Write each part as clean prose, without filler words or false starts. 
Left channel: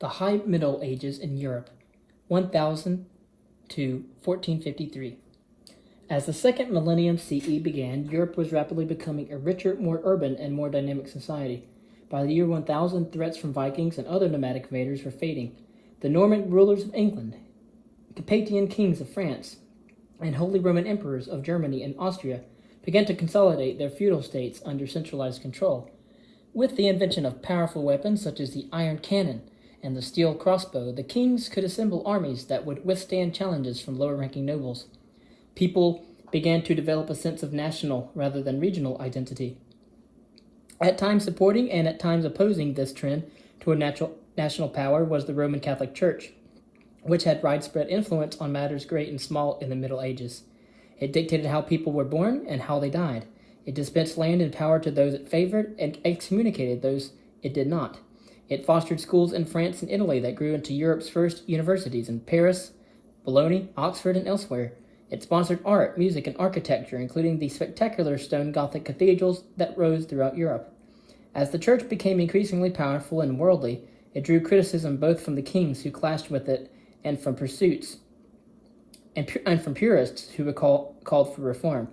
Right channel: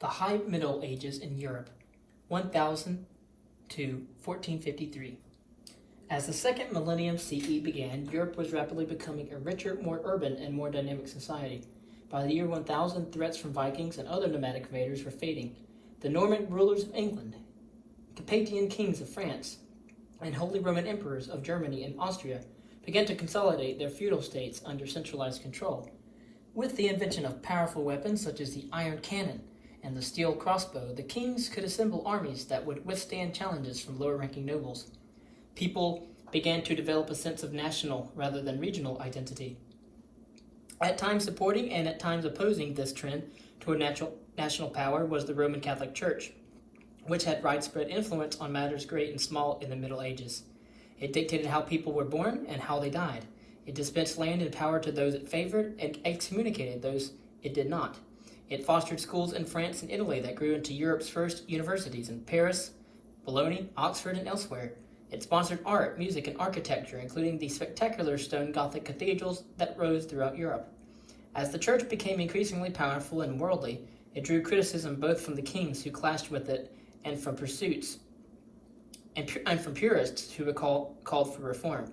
The High Middle Ages in Europe, 1000 to 1453. As the second millennium CE began, Europe was rapidly becoming a richer, more urban, and more dynamic society. By the year 1000, threats from Vikings and other nomadic invaders were fading. The Norman rulers of England, Carpathian kings of France, and Holy Roman emperors of Germany and Austria began to consolidate their feudal states under centralized control. With the invention of powerful weapons such as the iron cannon and the steel crossbow, the kings could assemble armies that would withstand challenges from lower-ranking nobles. People began to develop a sense of national rather than regional identity, at times supporting and at times opposing this trend toward national power was the Roman Catholic Church, which had widespread influence on matters great and small in the Middle Ages. It dictated how people were born and how they died. It dispensed land and power to those it favored and excommunicated those it did not. It fostered schools in France and Italy that grew into Europe's first universities in Paris, Bologna, Oxford, and elsewhere. It sponsored art, music, and architecture, including the spectacular stone Gothic cathedrals that rose throughout Europe. As the church became increasingly powerful and worldly, it drew criticism both from the kings who clashed with it and from purists who were called for reform.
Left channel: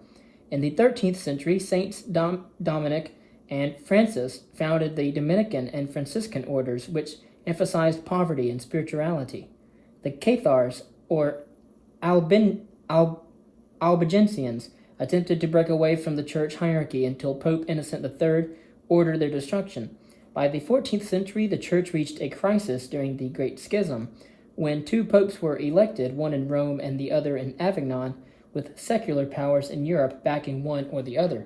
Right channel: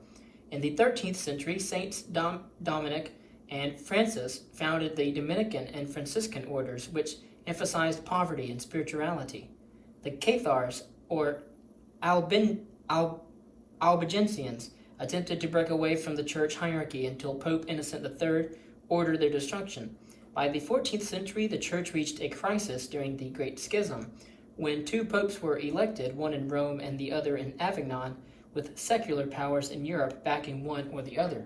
In the 13th century, Saints Dominic and Francis founded the Dominican and Franciscan orders, which emphasized poverty and spirituality. The Cathars, or Albigensians, attempted to break away from the church hierarchy until Pope Innocent III ordered their destruction. By the 14th century, the church reached a crisis during the Great Schism, when two popes were elected, one in Rome and the other in Avignon, with secular powers in Europe backing one or the other.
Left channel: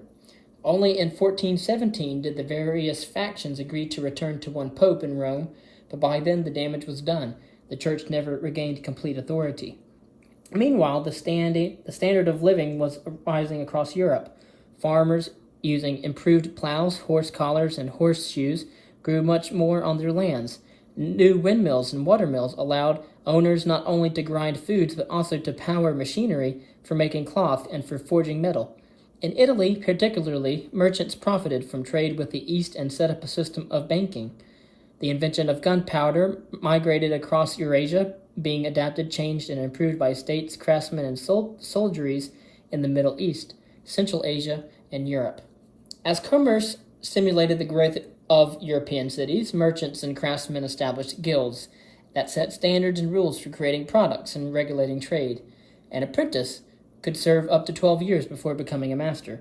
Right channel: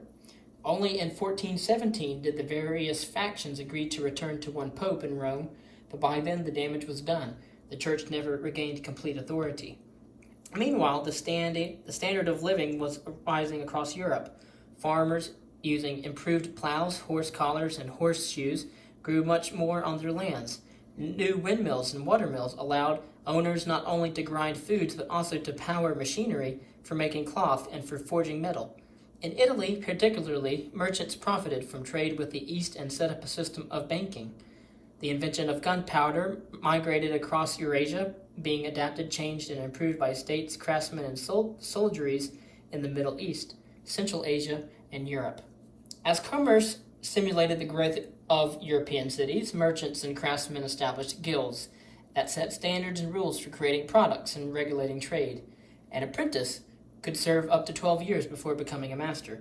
Only in 1417 did the various factions agree to return to one pope in Rome, but by then the damage was done. The church never regained complete authority. Meanwhile, the standard of living was rising across Europe. Farmers, using improved plows, horse collars, and horseshoes, grew much more on their lands. New windmills and watermills allowed owners not only to grind foods but also to power machinery for making cloth and for forging metal. In Italy, particularly, merchants profited from trade with the East and set up a system of banking. The invention of gunpowder migrated across Eurasia, being adapted, changed, and improved by states, craftsmen, and soldieries in the Middle East, Central Asia, and Europe. As commerce stimulated the growth of European cities, merchants and craftsmen established guilds that set standards and rules for creating products and regulating trade. An apprentice could serve up to 12 years before becoming a master.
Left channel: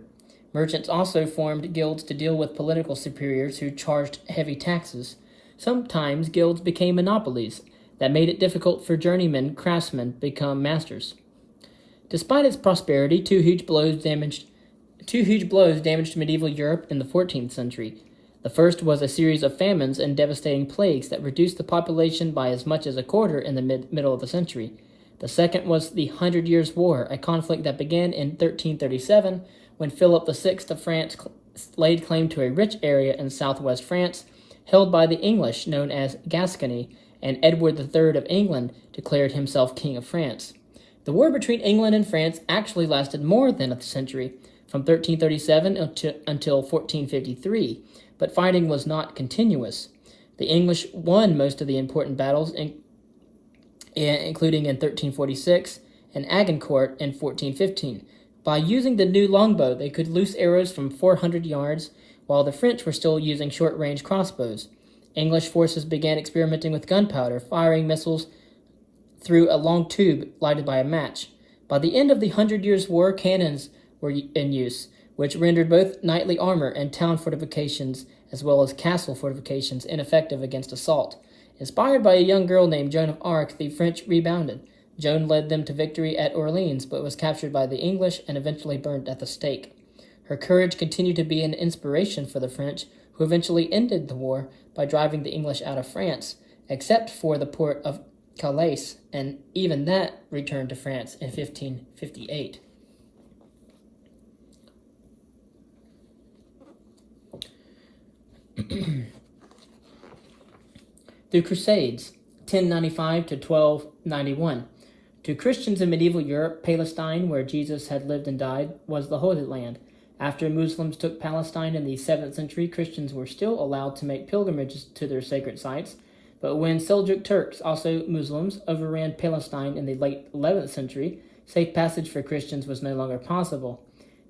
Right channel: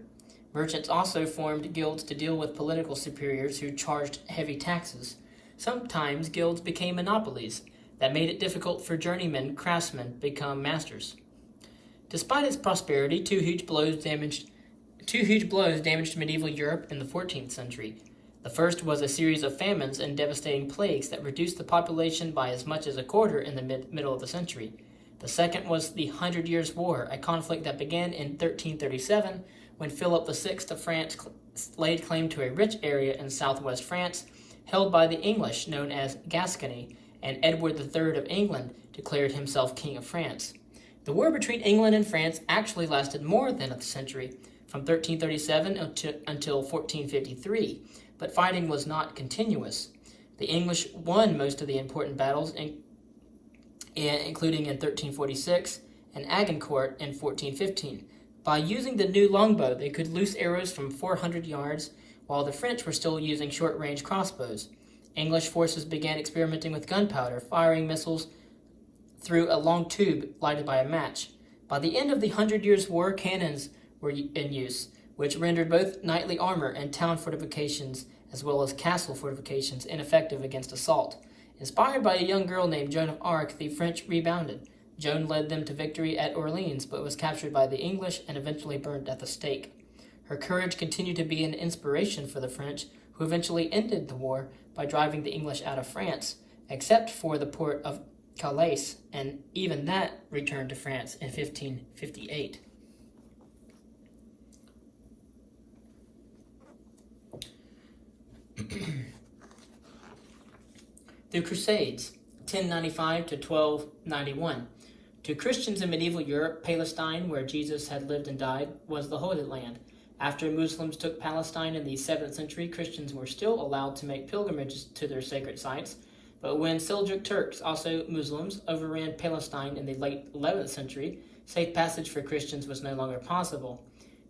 Merchants also formed guilds to deal with political superiors who charged heavy taxes. Sometimes guilds became monopolies that made it difficult for journeyman craftsmen to become masters. Despite its prosperity, two huge blows damaged medieval Europe in the 14th century. The first was a series of famines and devastating plagues that reduced the population by as much as a quarter in the middle of the century. The second was the 100 Years' War, a conflict that began in 1337 when Philip VI of France laid claim to a rich area in southwest France held by the English known as Gascony, and Edward III of England declared himself King of France. The war between England and France actually lasted more than a century, from 1337 until 1453, but fighting was not continuous. The English won most of the important battles, including in 1346 and Agincourt in 1415. By using the new longbow, they could loose arrows from 400 yards, while the French were still using short-range crossbows. English forces began experimenting with gunpowder, firing missiles through a long tube lighted by a match. By the end of the 100 Years' War, cannons were in use, which rendered both knightly armor and town fortifications, as well as castle fortifications, ineffective against assault. Inspired by a young girl named Joan of Arc, the French rebounded. Joan led them to victory at Orleans, but was captured by the English and eventually burned at the stake. Her courage continued to be an inspiration for the French, who eventually ended the war by driving the English out of France, except for the port of Calais, and even that returned to France in 1558. The Crusades, 1095 to 1291. To Christians in medieval Europe, Palestine, where Jesus had lived and died, was the Holy Land. After Muslims took Palestine in the 7th century, Christians were still allowed to make pilgrimages to their sacred sites. But when Seljuk Turks, also Muslims, overran Palestine in the late 11th century, safe passage for Christians was no longer possible.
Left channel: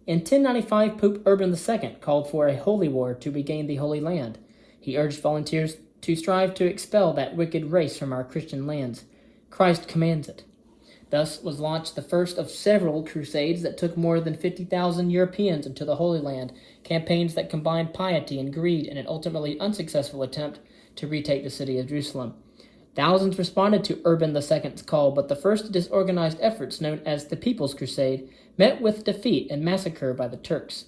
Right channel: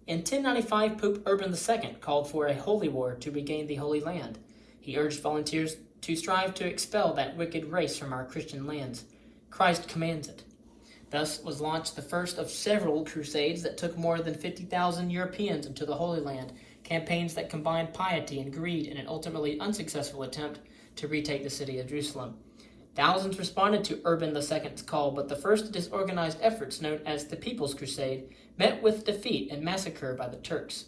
In 1095, Pope Urban II called for a holy war to regain the Holy Land. He urged volunteers to strive to expel that wicked race from our Christian lands. Christ commands it. Thus was launched the first of several crusades that took more than 50,000 Europeans into the Holy Land, campaigns that combined piety and greed in an ultimately unsuccessful attempt to retake the city of Jerusalem. Thousands responded to Urban II's call, but the first disorganized efforts, known as the People's Crusade, met with defeat and massacre by the Turks.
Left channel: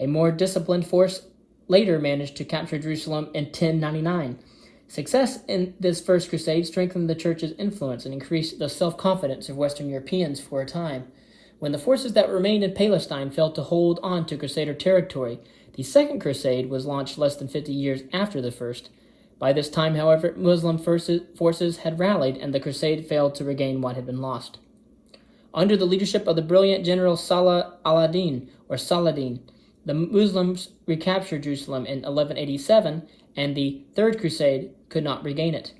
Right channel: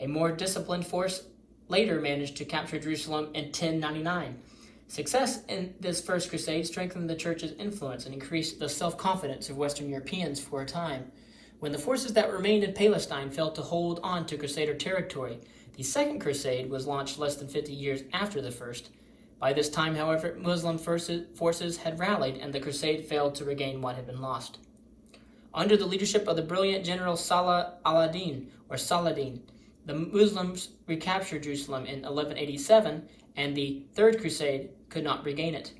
A more disciplined force later managed to capture Jerusalem in 1099. Success in this first crusade strengthened the church's influence and increased the self-confidence of Western Europeans for a time. When the forces that remained in Palestine failed to hold on to Crusader territory, the Second Crusade was launched less than 50 years after the first. By this time, however, Muslim forces had rallied, and the crusade failed to regain what had been lost. Under the leadership of the brilliant general Salah al-Din, or Saladin, the Muslims recaptured Jerusalem in 1187, and the Third Crusade could not regain it.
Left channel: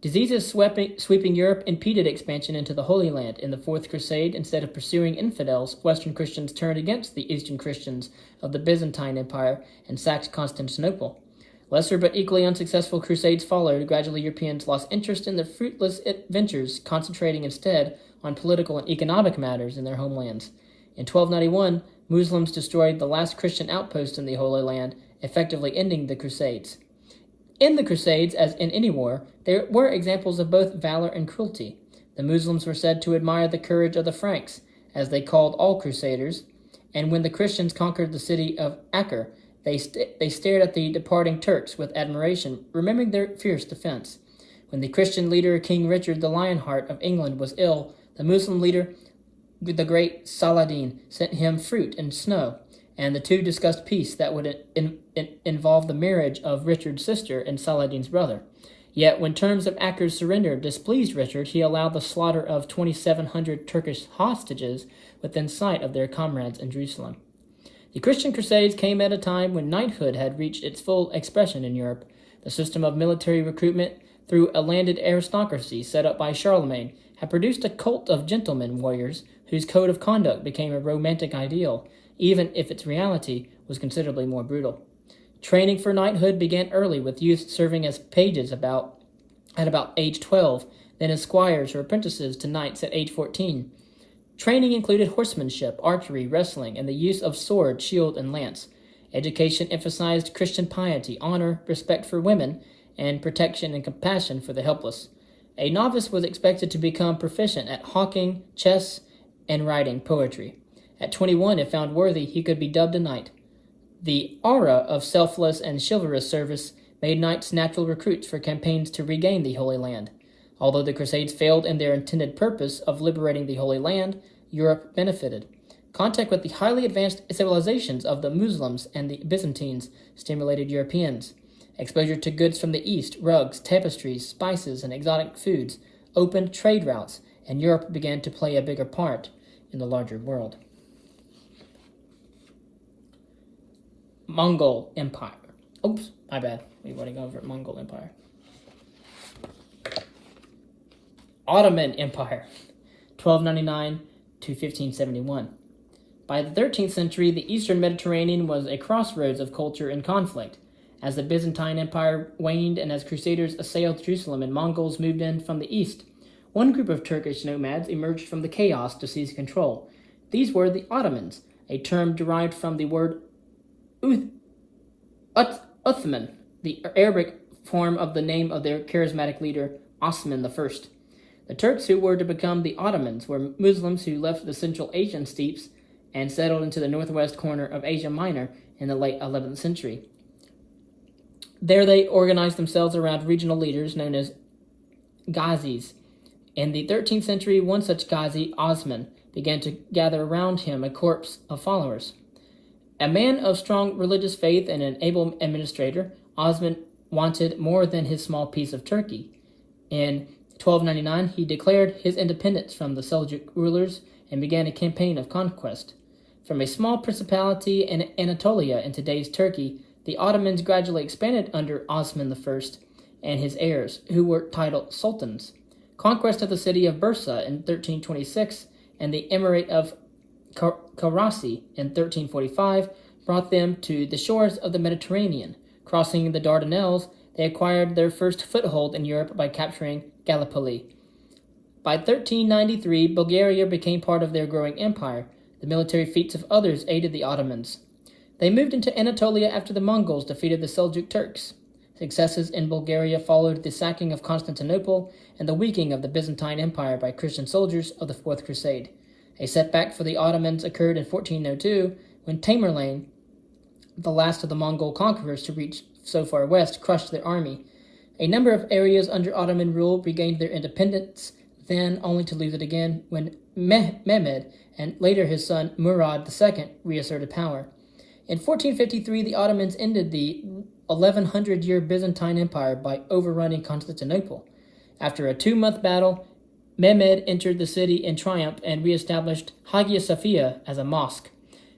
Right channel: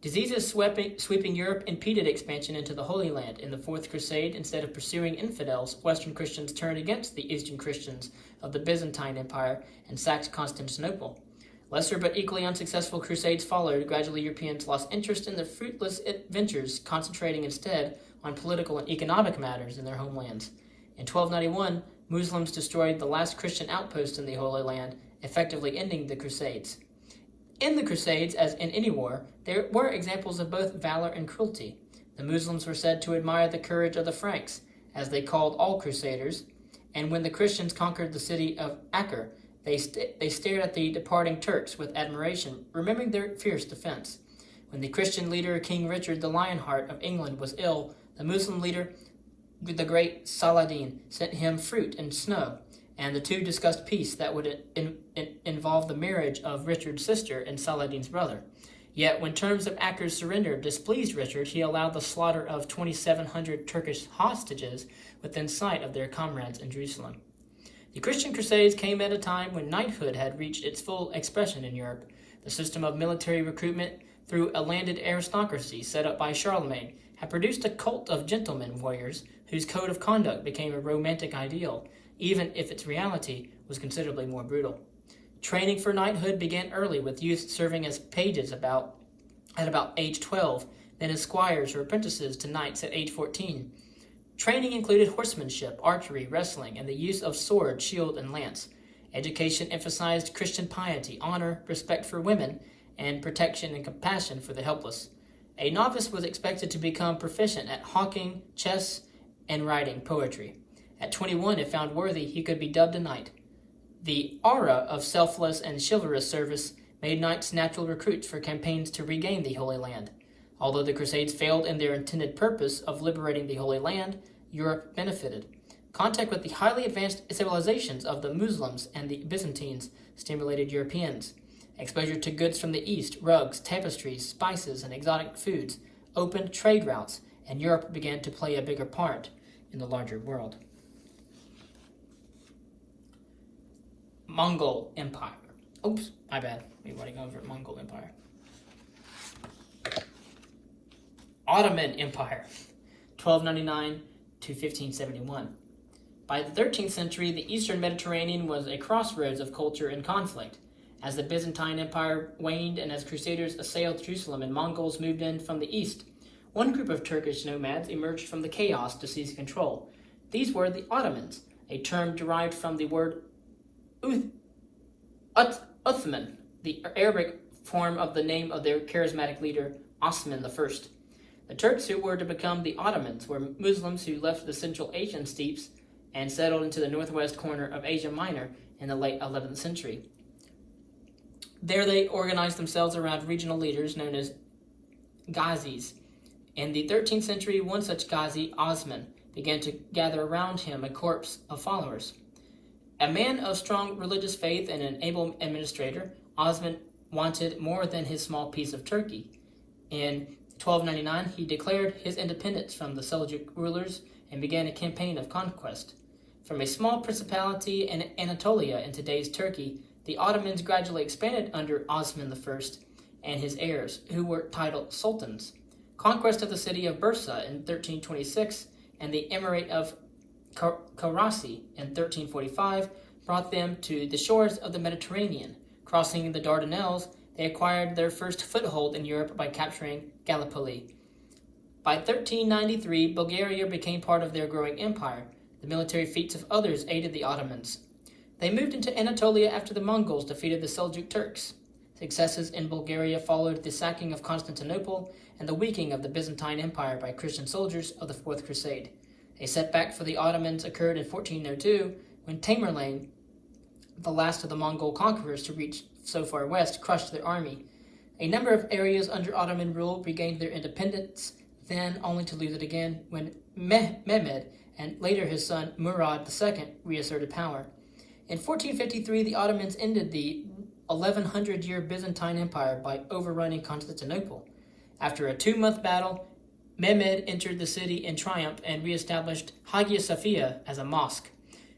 Diseases sweeping Europe impeded expansion into the Holy Land. In the Fourth Crusade, instead of pursuing infidels, Western Christians turned against the Eastern Christians of the Byzantine Empire and sacked Constantinople. Lesser but equally unsuccessful crusades followed. Gradually, Europeans lost interest in their fruitless adventures, concentrating instead on political and economic matters in their homelands. In 1291, Muslims destroyed the last Christian outpost in the Holy Land, effectively ending the Crusades. In the Crusades, as in any war, there were examples of both valor and cruelty. The Muslims were said to admire the courage of the Franks, as they called all crusaders, and when the Christians conquered the city of Acre, they stared at the departing Turks with admiration, remembering their fierce defense. When the Christian leader, King Richard the Lionheart of England, was ill, the Muslim leader, the great Saladin, sent him fruit and snow, and the two discussed peace that would involve the marriage of Richard's sister and Saladin's brother. Yet when terms of Acre's surrender displeased Richard, he allowed the slaughter of 2,700 Turkish hostages within sight of their comrades in Jerusalem. The Christian Crusades came at a time when knighthood had reached its full expression in Europe. The system of military recruitment through a landed aristocracy set up by Charlemagne had produced a cult of gentlemen warriors whose code of conduct became a romantic ideal, even if its reality was considerably more brutal. Training for knighthood began early, with youth serving as pages at about age 12, then as squires or apprentices to knights at age 14. Training included horsemanship, archery, wrestling, and the use of sword, shield, and lance. Education emphasized Christian piety, honor, respect for women, and protection and compassion for the helpless. A novice was expected to become proficient at hawking, chess, and writing poetry. At 21, if found worthy, he could be dubbed a knight. The aura of selfless and chivalrous service made knights natural recruits for campaigns to regain the Holy Land. Although the Crusades failed in their intended purpose of liberating the Holy Land, Europe benefited. Contact with the highly advanced civilizations of the Muslims and the Byzantines stimulated Europeans. Exposure to goods from the East, rugs, tapestries, spices, and exotic foods, opened trade routes, and Europe began to play a bigger part in the larger world. Mongol Empire. Oops, my bad. We've already gone over Mongol Empire. Ottoman Empire, 1299 to 1571. By the 13th century, the Eastern Mediterranean was a crossroads of culture and conflict. As the Byzantine Empire waned and as Crusaders assailed Jerusalem and Mongols moved in from the east, one group of Turkish nomads emerged from the chaos to seize control. These were the Ottomans, a term derived from the word Uthman, the Arabic form of the name of their charismatic leader, Osman I. The Turks who were to become the Ottomans were Muslims who left the Central Asian steppes and settled into the northwest corner of Asia Minor in the late 11th century. There they organized themselves around regional leaders known as Ghazis. In the 13th century, one such Ghazi, Osman, began to gather around him a corps of followers. A man of strong religious faith and an able administrator, Osman wanted more than his small piece of Turkey. In 1299, he declared his independence from the Seljuk rulers and began a campaign of conquest. From a small principality in Anatolia in today's Turkey, the Ottomans gradually expanded under Osman I, and his heirs, who were titled sultans. Conquest of the city of Bursa in 1326 and the emirate of Karasi in 1345 brought them to the shores of the Mediterranean. Crossing the Dardanelles, they acquired their first foothold in Europe by capturing Gallipoli. By 1393, Bulgaria became part of their growing empire. The military feats of others aided the Ottomans. They moved into Anatolia after the Mongols defeated the Seljuk Turks. Successes in Bulgaria followed the sacking of Constantinople and the weakening of the Byzantine Empire by Christian soldiers of the Fourth Crusade. A setback for the Ottomans occurred in 1402 when Tamerlane, the last of the Mongol conquerors to reach so far west, crushed their army. A number of areas under Ottoman rule regained their independence, then only to lose it again when Mehmed and later his son Murad II reasserted power. In 1453, the Ottomans ended the 1100-year Byzantine Empire by overrunning Constantinople. After a 2-month battle, Mehmed entered the city in triumph and reestablished Hagia Sophia as a mosque.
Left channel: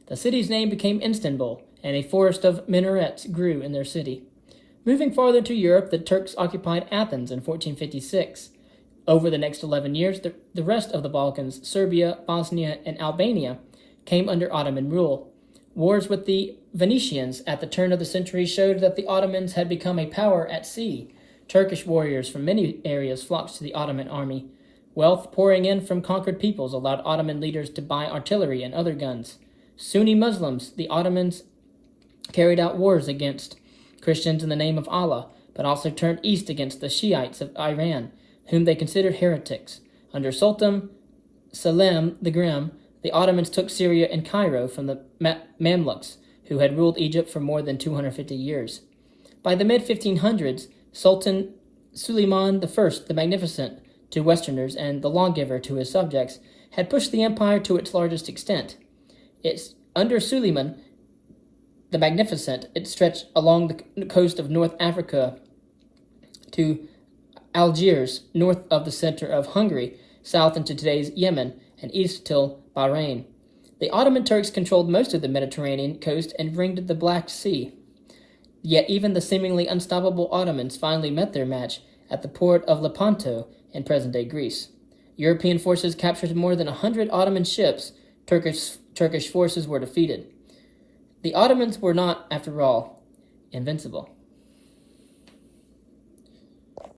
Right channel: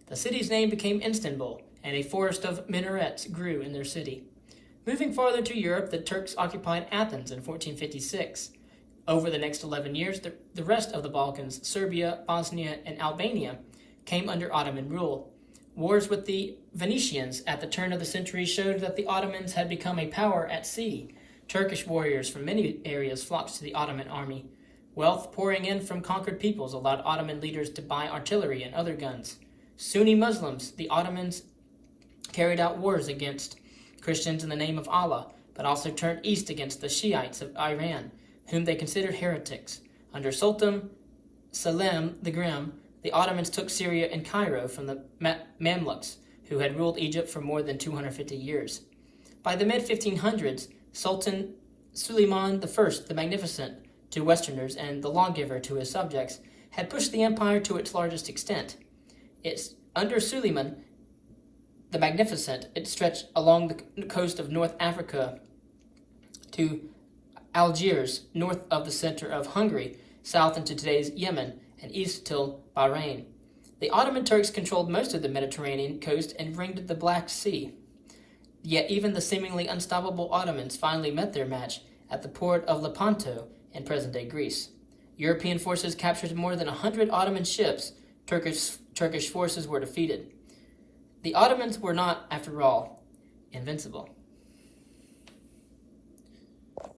The city's name became Istanbul, and a forest of minarets grew in their city. Moving farther to Europe, the Turks occupied Athens in 1456. Over the next 11 years, the rest of the Balkans, Serbia, Bosnia, and Albania, came under Ottoman rule. Wars with the Venetians at the turn of the century showed that the Ottomans had become a power at sea. Turkish warriors from many areas flocked to the Ottoman army. Wealth pouring in from conquered peoples allowed Ottoman leaders to buy artillery and other guns. Sunni Muslims, the Ottomans carried out wars against Christians in the name of Allah, but also turned east against the Shiites of Iran, whom they considered heretics. Under Sultan Selim the Grim, the Ottomans took Syria and Cairo from the Mamluks, who had ruled Egypt for more than 250 years. By the mid-1500s, Sultan Suleiman I the Magnificent to Westerners and the Lawgiver to his subjects had pushed the empire to its largest extent. Under Suleiman the Magnificent, it stretched along the coast of North Africa to Algiers, north of the center of Hungary, south into today's Yemen, and east till Bahrain. The Ottoman Turks controlled most of the Mediterranean coast and ringed the Black Sea. Yet even the seemingly unstoppable Ottomans finally met their match at the port of Lepanto in present-day Greece. European forces captured more than 100 Ottoman ships. Turkish forces were defeated. The Ottomans were not, after all, invincible.